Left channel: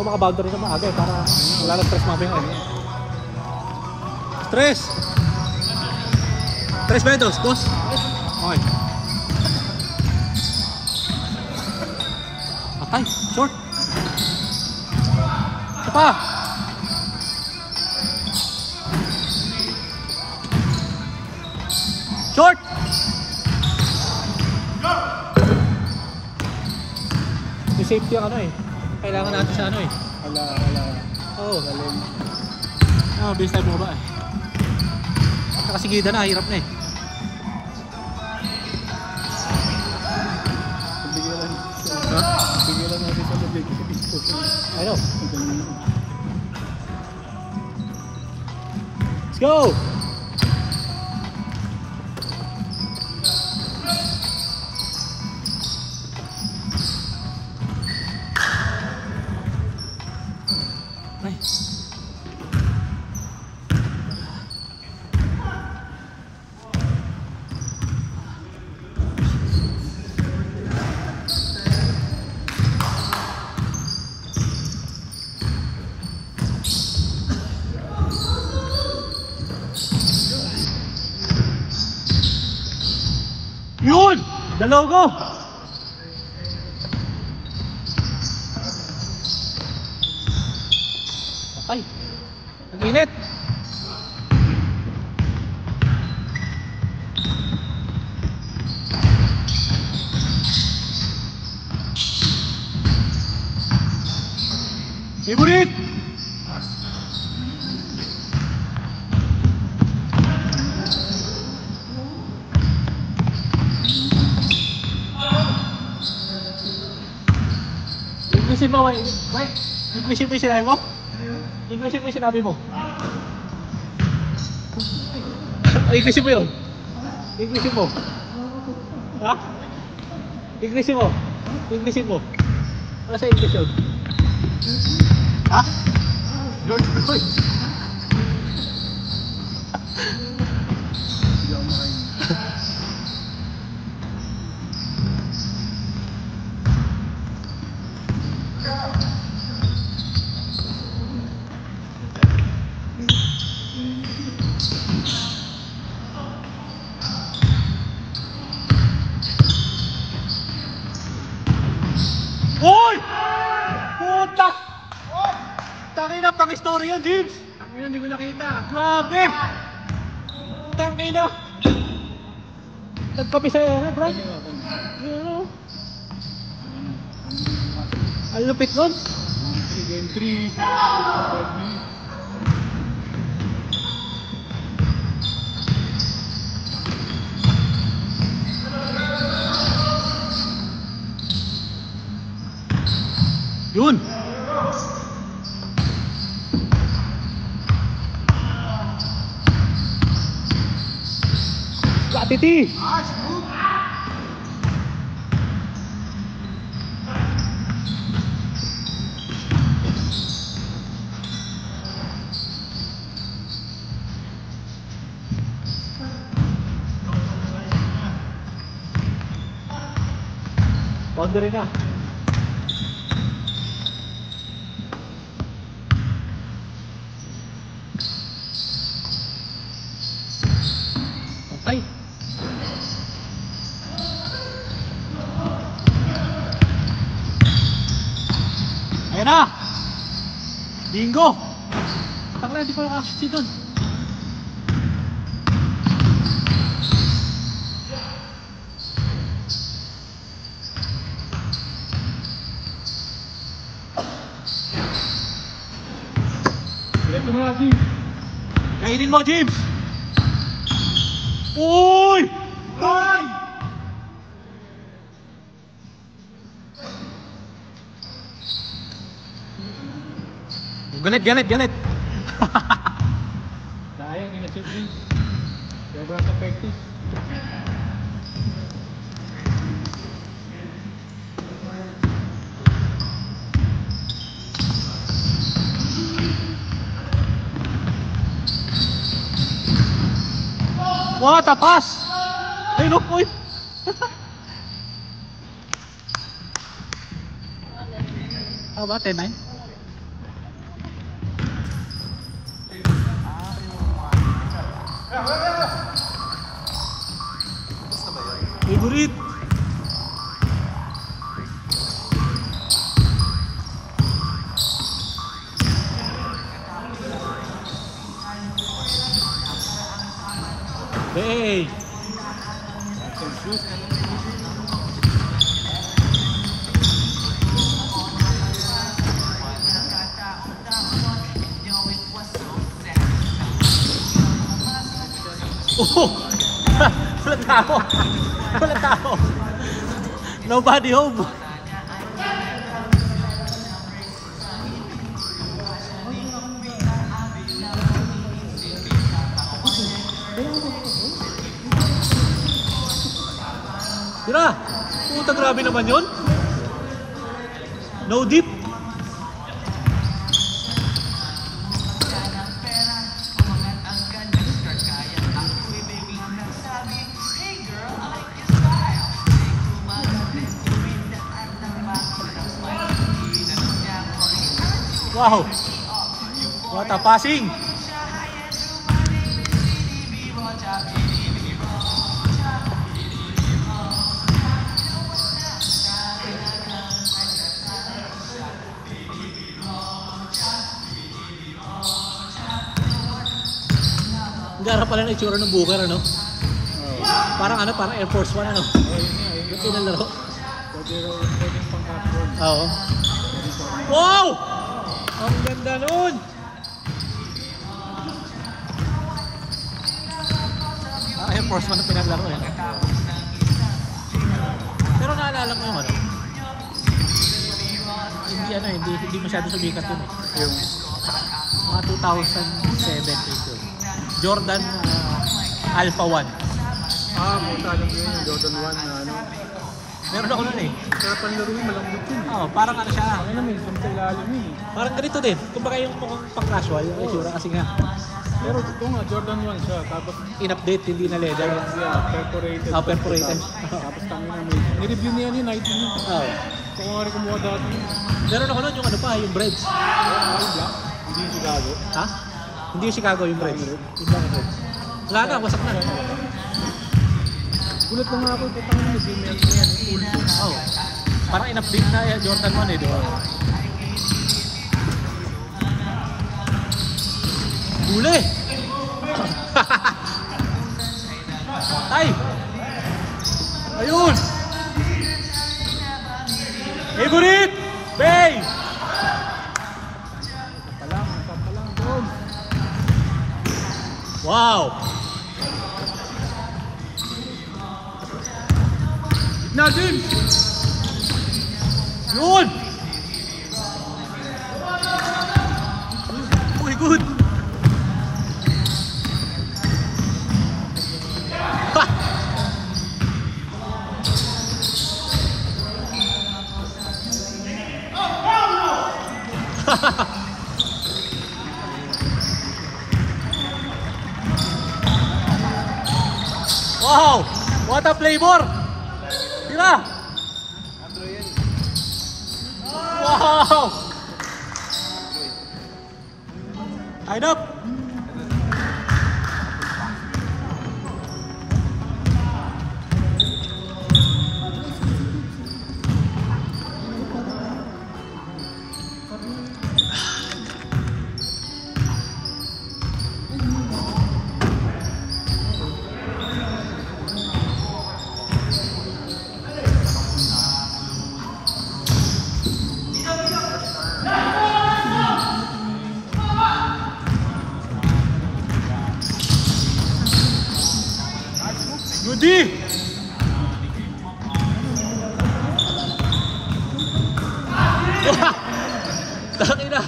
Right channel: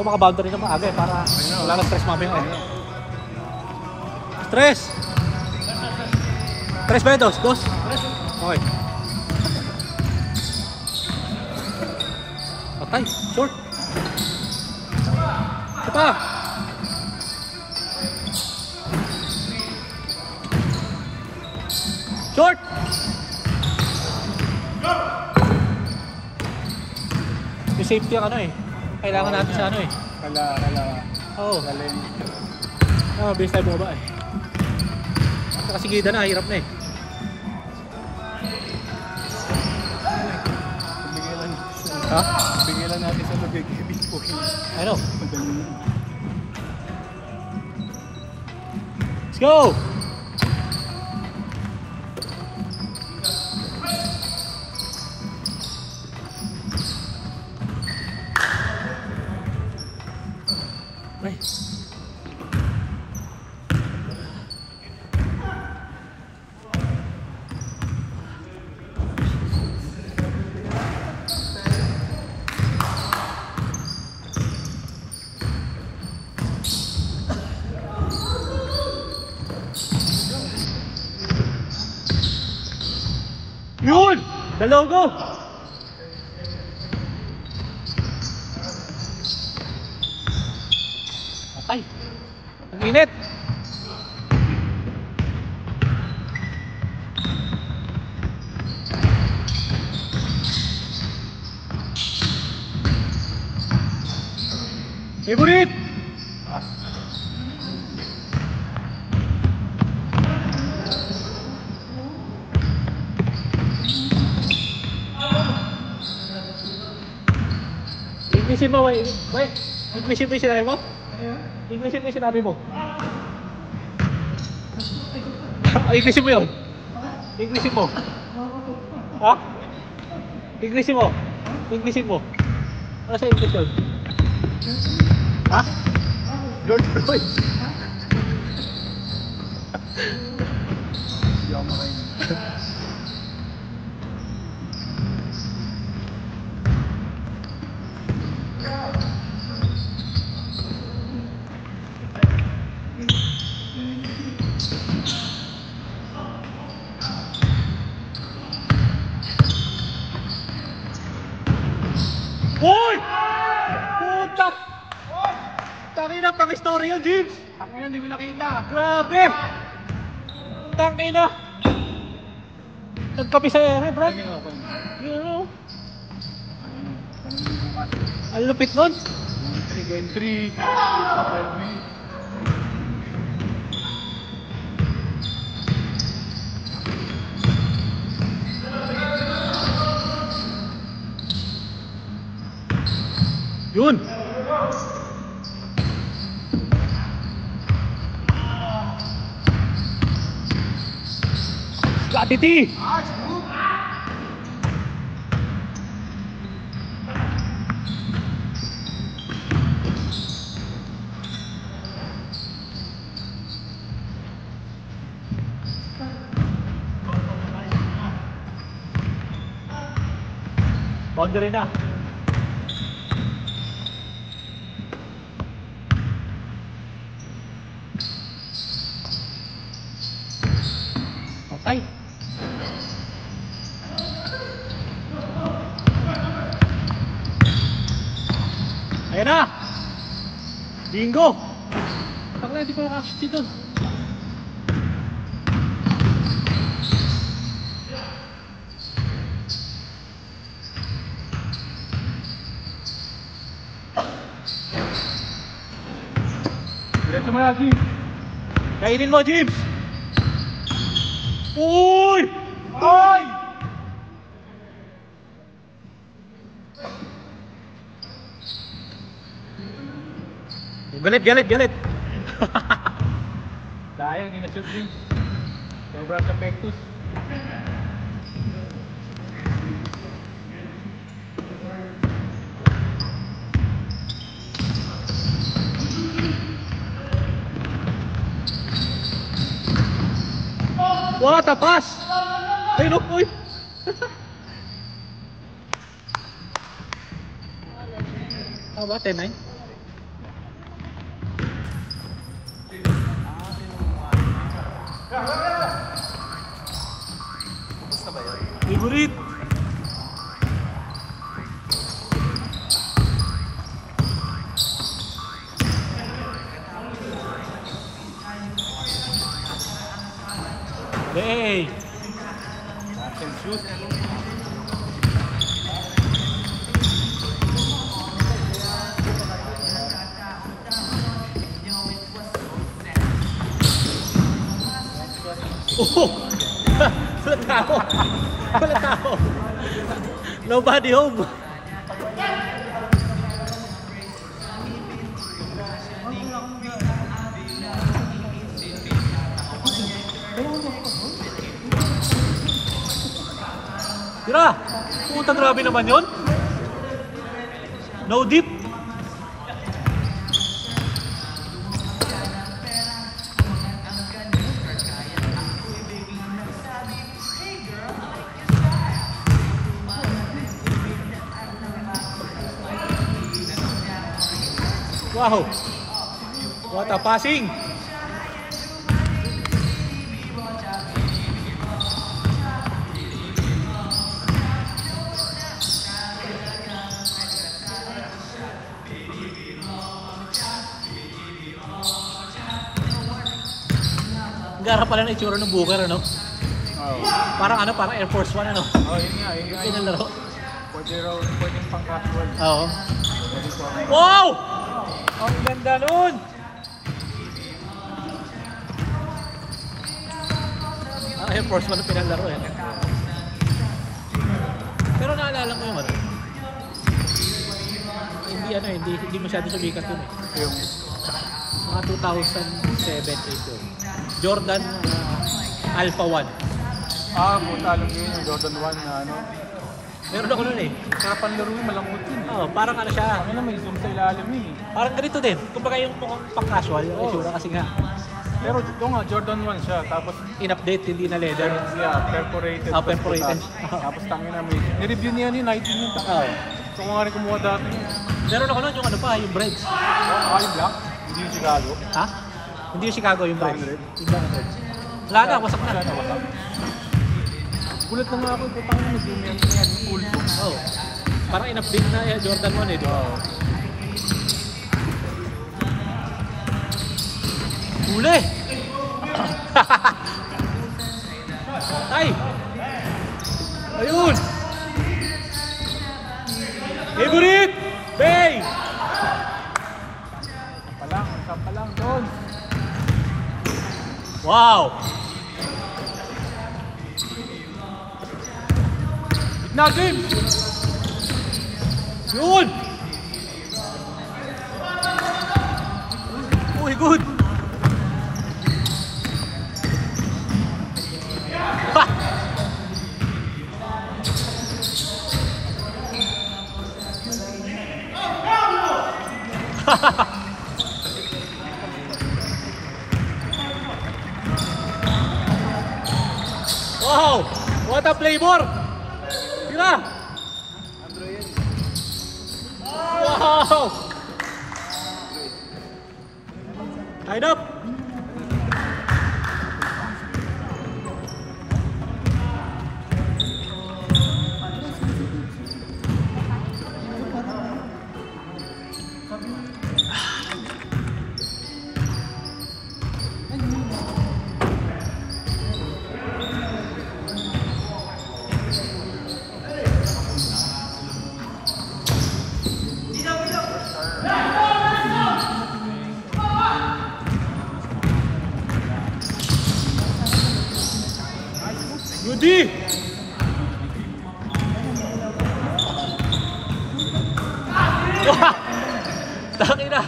So maka-boundary siya maaga. Wala na stress mamaya. Stress! Stress ba yun? Dos? Okay. Patay. Short. Ito pa. Short! May safety ang ano eh. Kailangan natin sa ano eh. Wala. Oo. Bilis tayo bumaba eh. Kasi gida na, hirap na eh. Ha? Bigyan lang natin sa nag-exhibit po. Ano? Let's go! Ay. Yun! The logo! Okay. Ang init! Favorite! English mo, wait. English mo yung sinabi mo? English mo yung sinabi mo? English mo yun? English mo? Ha? English mo? English mo? Ano sa English yun? Ha? George Floyd? Uy! Puta! Tangina, pang-story yun, James! Ako hindi ko nakita. Grabe! Tangina! Nagpabisaya na, Brad. Ang lupit nun. Entry. Yun! Latiti! Boundary na. Okay. Ayan na! Bingo! Takla, hindi pa nakashoot dun. Diretso mo na, Jim. Kainin mo, James! Uy! Ay! Galit! Sayang, ina-shoot din. Sobrang effective. Wah, tapas! Ay, no, uy! How ba? 10-9? Favorite. Hey. Oh! Wala tao! Wala tao! Nobody home! Tira! Pumunta grabe naman yun! No deep! Wow! What a passing! Gara pala na itsura ng bugan, ano? Parang ano, parang Air Force One, ano? Yun Ito na laro. Pwede pang classroom. Oo. Wow! Ang ganda nun! Air Force One ang pinalaro eh. Pero naalala ko yung ano. Hindi masyado sumikat yun eh. Mga 2007 ito. Jordan Alpha 1. Punta lang yung Jordan 1 na ano. Meron ako nun eh. Karapan laro yung malungkot yun. Oo, parang ano siya. Parang ganito din. Kumbaga yung pang-casual. Kasi nga. Pero ito nga, Jordan 1 siya. Tapos in-update, hindi na leather. perforated. Perforated. Tapos tangin namin. Ni-review niya ni Night yun. Kung mga rin kumuha dati. Meron ako nun yung ano pa, yung breads. Yung black. Hindi yung Chicago. Ha? Hindi yung Chicago yung breads. Wala na, masak na. Kulit lang natin kung paano yung full. Oo. Parang in-update na Jordan 1 eh, di ba? Huli! Ay! Ayun! Favorite! Bay! Wow! Natin! Yun! Uy, good! Ha! Wow! What a flavor! Tira! Wow! Tied up! Yudi! Taki na!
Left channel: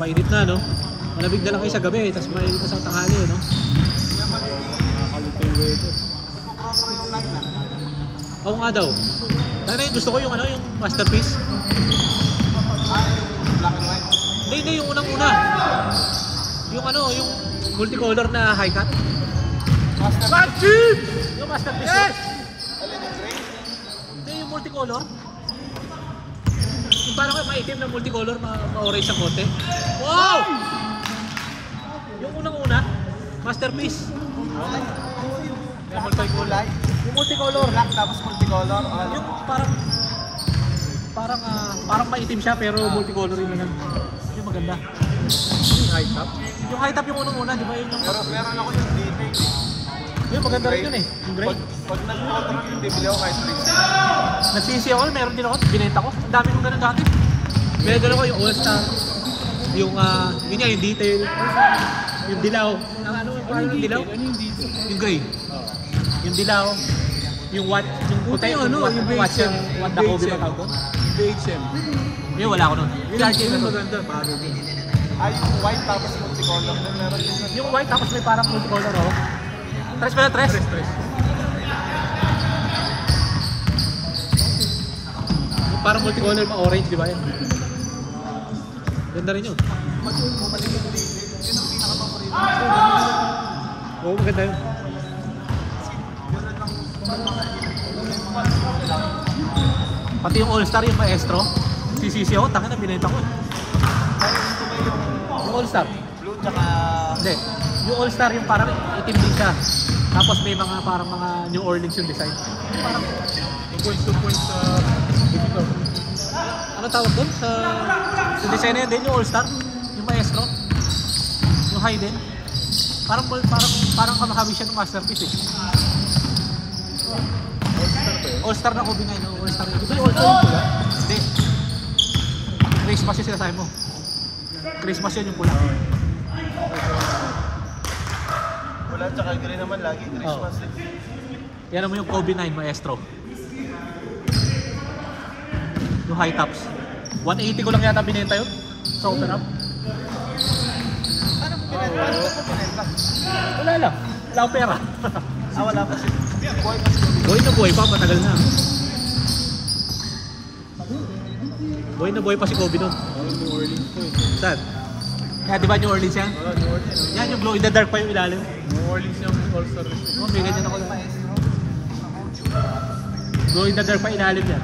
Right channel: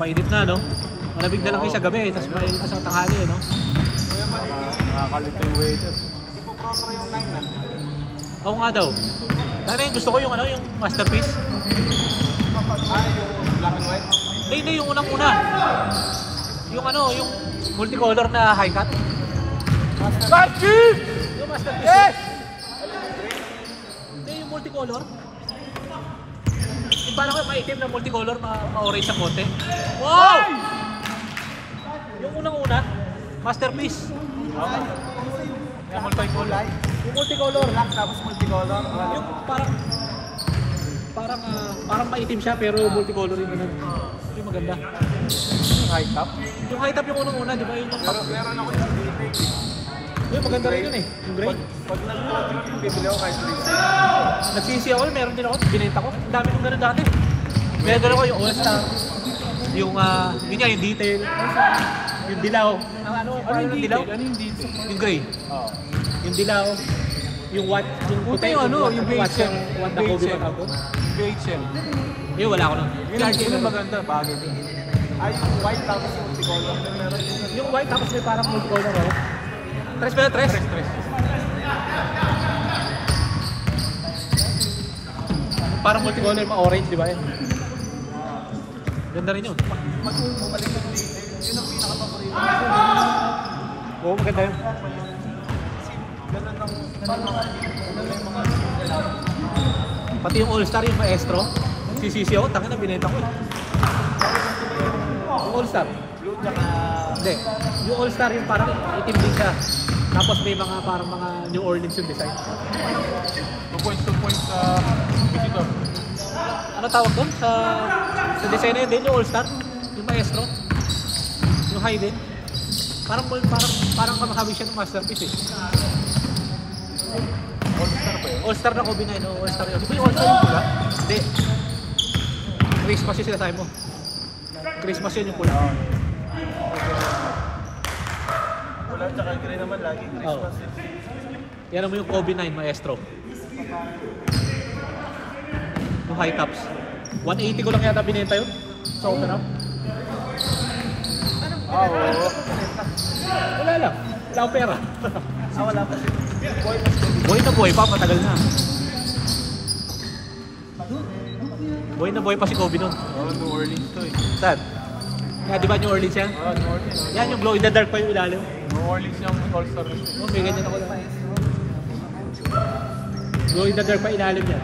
Mainit na, no? Malamig na lang kayo sa gabi, tapos mainit na sa tanghali, no? Nakakalito yung waiter. Oo nga daw. Ano yung gusto ko yung ano, yung masterpiece? Yung black and white? Hindi, yung unang-una. Yung ano, yung multicolor na high cut. Yung masterpiece yun. Hindi yung multicolor. Yung parang maitim na multicolor na orange ang konti. Oh! Yung unang-una, masterpiece. Yung multi-kulay. Yung multicolor. Tapos multicolor. Yung parang maitim siya pero multicolor yung ganun. Yung maganda. High top. Yung high top yung unang-una, di ba yun yung top? Meron ako sa dating. Yung maganda rin yun eh. Yung gray. Pag bibili ako kahit 3. Nagsisi ako, meron din ako, binenta ko. Ang dami kong ganun dati. Meron ko yung all-star. Yung, yun nga, yung detail. Yung dilaw. Ano yung dilaw? Ano yung detail? Yung gray. Yung dilaw. Yung what, yung puti, yung watch yung what na Kobe pa tawag ko. Wait siya. Yung wala ko nun. Yung maganda. Paano din? Ay, yung white tapos yung multicolor. Yung white tapos may parang multicolor oh. Tres pala, tres. Parang multicolor pa orange, di ba yun? Ganda rin yun. Pag bumalik yung detail, yun ang pinaka-paborito. Oo, maganda yun. Ganun ang mga Pati yung all-star yung maestro. Sisisi ako, taka na binenta ko. Yung all-star. blue tsaka... Hindi. Yung all-star yung parang itim din siya. Tapos may mga parang mga New Orleans yung design. Points sa visitor. Ano tawag yun? Sa design na yun din, yung all-star. Yung maestro. Yung high din. Parang kamakabi siya ng masterpiece eh. All-star na Kobe na yun. All-star yun. Hindi. Christmas yung sinasabi mo. Christmas yun yung pula. Wala tsaka gray naman lagi. Christmas. Yan mo yung Kobe 9 maestro. Yung high tops. 180 ko lang yata binenta yun. Sa open up. Wala lang. Wala akong pera. Wala pa siya. Boy na boy pa, matagal na. Boy na boy pa si Kobe nun. New Orleans to eh. Saan? Yan, di ba New Orleans yan? New Orleans. Yan yung glow in the dark pa yung ilalim. New Orleans yung all-star. Oh, may ganyan ako lang. Glow in the dark pa ilalim yan.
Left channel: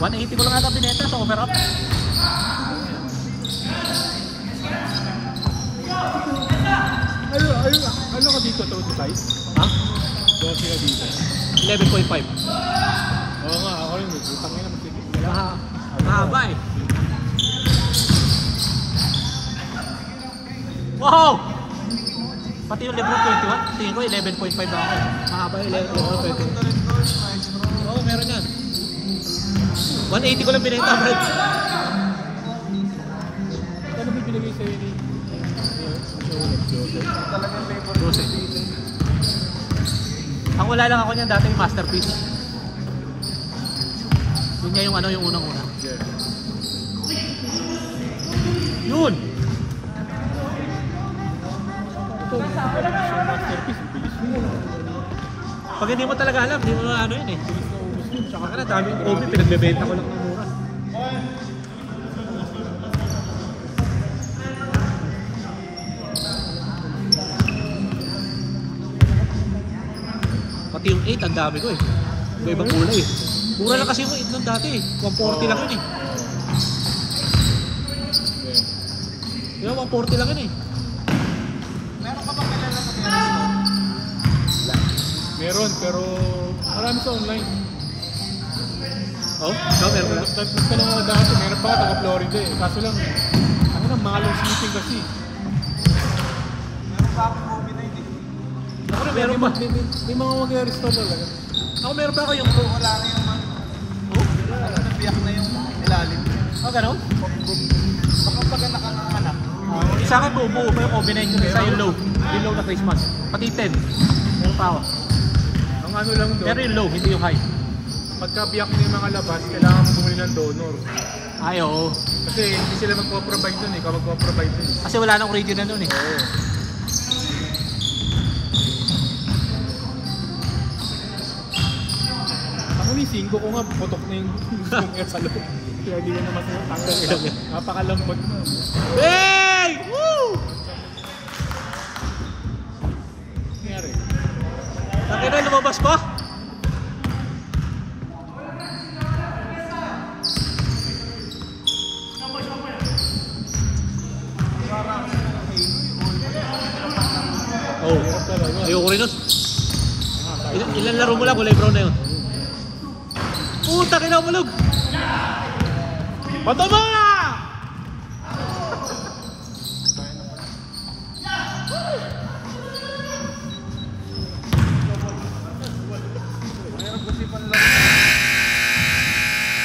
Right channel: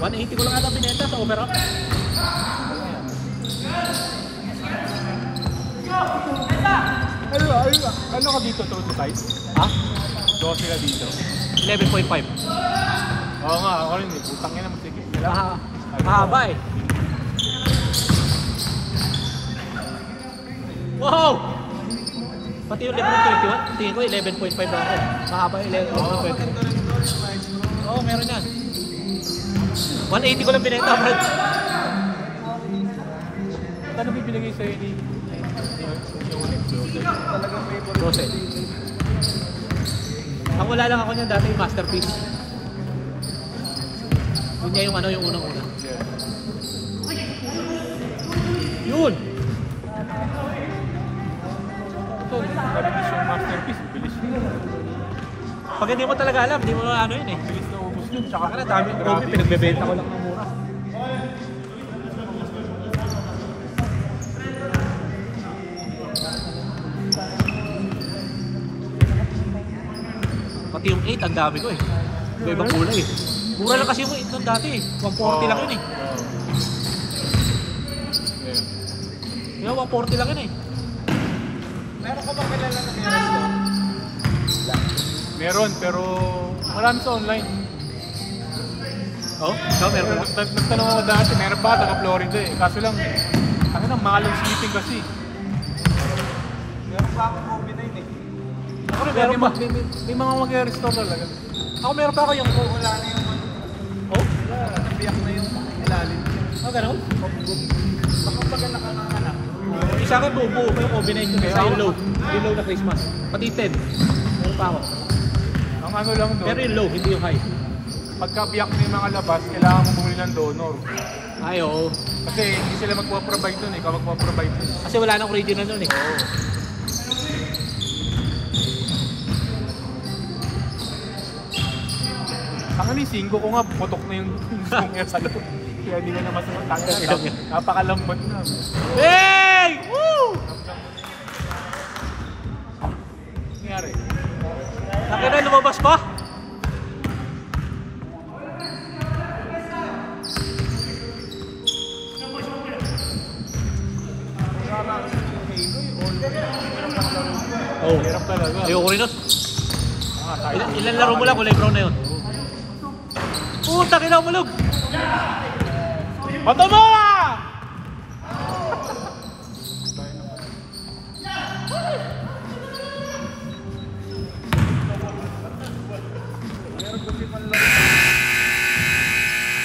180 ko lang ata binenta sa over-up. Ano ka dito to sa size? Ha? 12 ka dito. 11.5. Oo nga, ako rin. Tangin naman sige. Mahaba eh. Wow! Pati yung Lebron 21, tingin ko 11.5 ba ako. Mahaba yung 11.5. Maganda rin to, maestro. Oo, meron yan. 180 ko lang binenta ang brand. Ano bibigay sa'yo dito? Talagang may 12. Ang wala lang ako niyan dati yung masterpiece. Yun niya yung ano, yung unang-una. Yun! Ito, parang gusto yung masterpiece. Bilis mo. Pag hindi mo talaga alam, hindi mo ano yun eh. Bilis na ubus nun. Tsaka Ano, dami ko pinagbebenta ko lang ng mura. Pati yung 8, ang dami ko eh. May ibang ulo eh. Mura lang kasi yung 8 nun dati eh. 140 lang yun eh. Yung 140 lang yun eh. meron ka ba kilala na dito? Meron, pero marami sa online. Oo? Oh, meron mo. Nagtanong ako dati, meron pa, taga Florida eh. Kaso lang, kami nang mahal yung shipping kasi. Meron pa ako Kobe na yun eh. Ano meron ba? May mga mag-restore talaga. Ako meron pa ako yung... Wala rin yung mga... Oh? Nakatipiyak na yung ilalim. Ah, gano'n? Nakatagal na ka ng anak. Isa akin buo pa yung combination sa yung low. Yung low na Christmas. Pati 10. Meron pa ako. Ang ano lang doon, Pero yung low, hindi yung high. pagkabiyak ng mga labas, kailangan kumuli ng donor. Ay, oo. Kasi hindi sila magpo-provide dun, ikaw magpo-provide dun. Kasi wala nang original nun eh. Ang ano yung 5 ko nga, putok na yung zoom niya sa loob. Kaya hindi na naman sinatanggal. Napakalambot na. Hey! Woo! Nangyari? Ayoko rin ah. Ilan laro mo lang, kulay brown na yun. Takin ang ulog! Mata mo!